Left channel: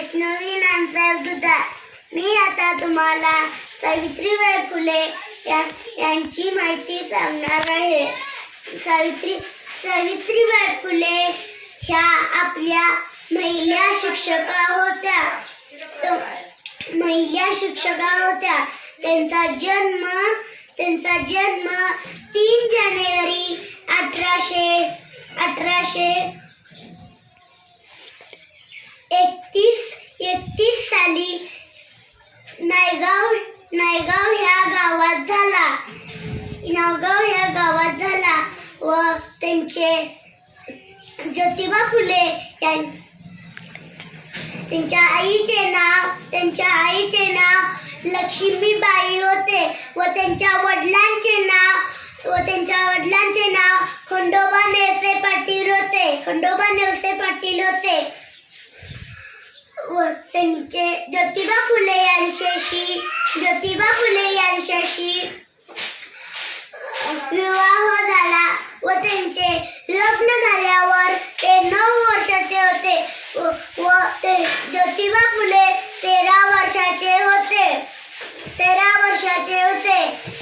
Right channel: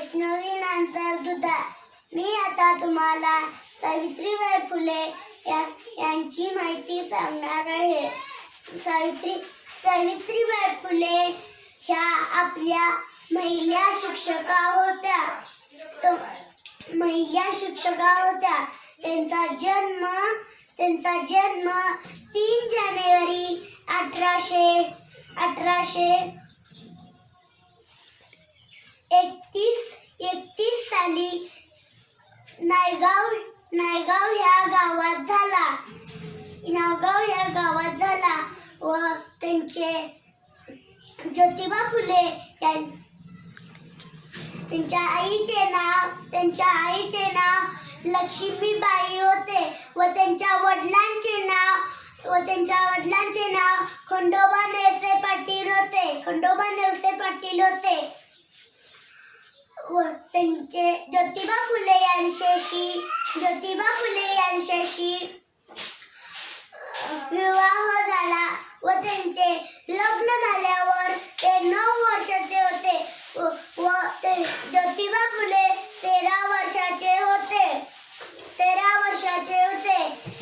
वैष्णवी नामसाहेब दुधा. मी आता तुम्हाला सावित्रीबाई फुले या यांची माहिती सांगणार आहे. सावित्री सावित्रीबाई फुले ह्या आपल्या महिला शिक्षका होत्या. महिला शिक्षका होत्या. त्यांचा जन्म त्यांचा जन्म तीन जानेवारी अठराशे अठराशे एकतीस एकतीस साली नायगाव नायगाव ह्या गावात झाला. नायगाव ह्या गावात झाला व त्यांचे ज्योतिबा फुले यां त्यांच्या आईचे नाव त्यांच्या आईचे नाव लक्ष्मीबाई होते व त्यांच्या वडिलांचे नाव व त्यांच्या वडिलांचे नाव खंडोबा नेवसे पाटील होते. खंडोबा नेवसे पाटील होते. व त्यांचे ज्योतिबा फुले यांच्याशी ज्योतिबा फुले यांच्याशी विवाह झाला व त्यांचे लग्न झाल्यावर ते नऊ वर्षाचे होते व- व ते ज्योतिबा फुले तेरा वर्षाचे होते. तेरा वर्षाचे होते.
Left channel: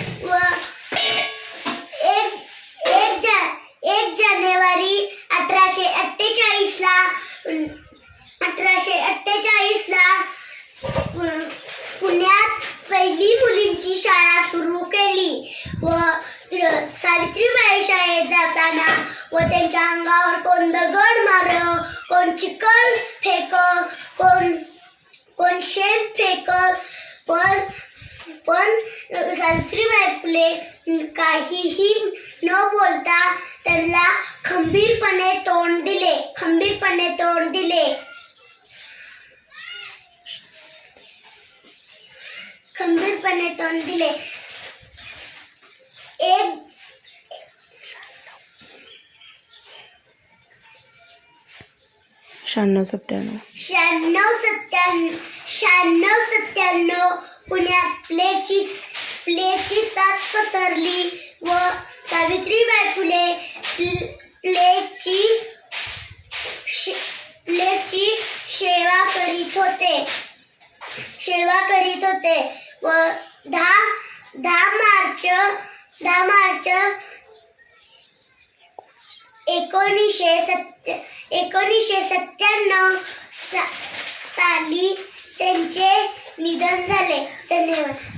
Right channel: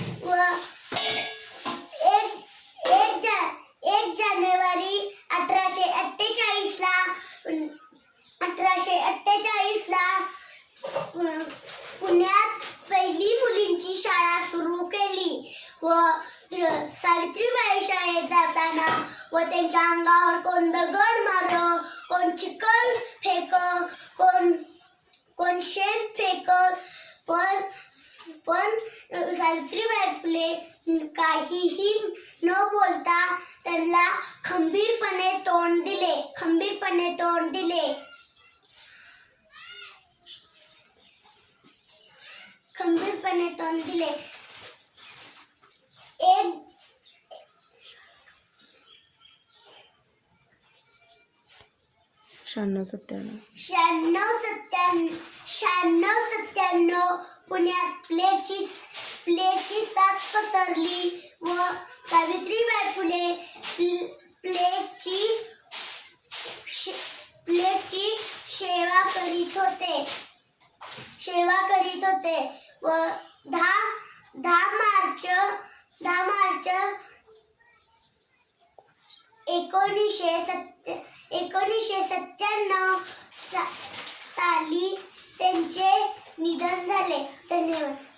व सावित्रीबाई शाळेत जाताना व त्यांच्या अंगावर कोण दगड मार कोण चिकन फेक कोण कोण शेण फेक पण पण सावित्रीबाई फुले काहीही न बोलता त्यांना खंबीरपणे तोंड दिले खंबीरपणे तोंड दिले. खंबीरपणे तोंड दिले. शहाण्णव सत्त्याण्णव. शहाण्णव सत्त्याण्णव शहाण्णव सत्त्याण्णव पुण्यात प्लेची प्लेची साथ पसरली व सावित्रीबाई फुले प्लेची शे- प्लेची सेवा करीत होते. सेवा करीत होते व दहा दहा मार्च दहा मार्च एकोणीसशे सत्य एकोणीसशे सत्त्याण्णव सा, साली त्यांचे निधन झाले. धन्यवाद.